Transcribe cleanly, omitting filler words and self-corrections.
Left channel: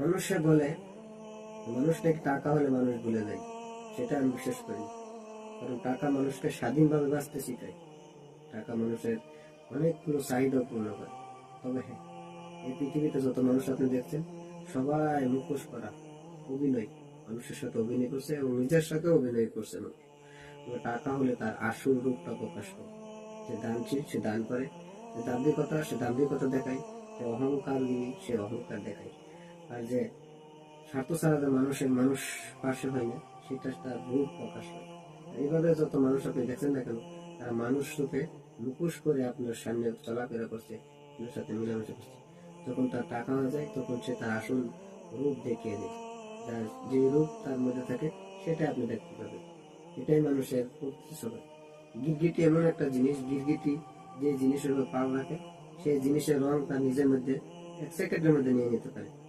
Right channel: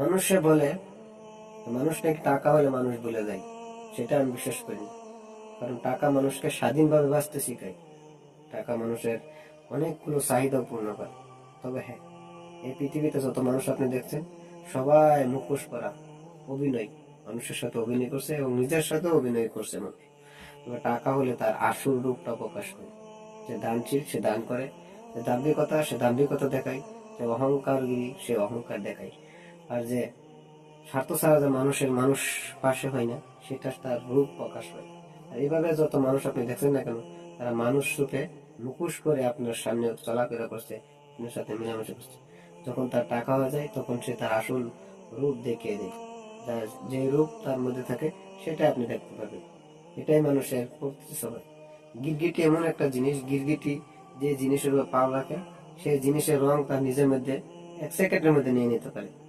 মানুষে বলে, মানুষ নাকি টাকা হলে মানুষ ভুলে যায়। সেটা আমি বিশ্বাস করি না। কারণ টাকা মানুষকে স্বাধীনভাবে বাঁচতে শিখায়। টাকা মানুষের অনেকগুলো চাহিদা পূর্ণ করে। তবে হ্যাঁ, এই পৃথিবীতে যত মানুষ আপনি দেখছেন, সবাই মুখোশ করা অভিনয়, মানুষের সাথে অভিনয় করছে এবং নিজের সাথে অভিনয় করছে মানুষ। তবে টাকা হলে তার আসল রূপটা প্রকাশ করে। যে দানশীল সে দান করে, যে দাম্ভিকতা সে দাম্ভিকতা দেখায়, যে অহংকারগিরি সে অহংকার দেখায়। আর যে স্বার্থ ছাড়া যে মানুষ পাশে হয় না, সেটা তার রূপ প্রকাশ হয়। আর এইভাবে যত মানুষ আপনি দেখছেন না কেন, তারা মানুষ রূপে মুখোশ করে আপনার সামনে চলাফেরা করছে, আপনার সাথে মিলামেশা করছে। যখন তার টাকা হয়ে যায়, তখন সে তার আসল রূপ দেখিয়ে দেয়। যার যে রূপ তার মধ্যে থাকে, সেটা আপনি দেখতে পাবেন। এটাই মানুষের প্রকৃতি স্বভাব। গিরগিটি এমন একটা জিনিস, গিরগিটি যে জিনিসের উপর পাও রাখে, সেই জিনিসের রং তার নিজের মধ্যে 1 সেকেন্ডের মধ্যে নিয়ে নিতে পারে।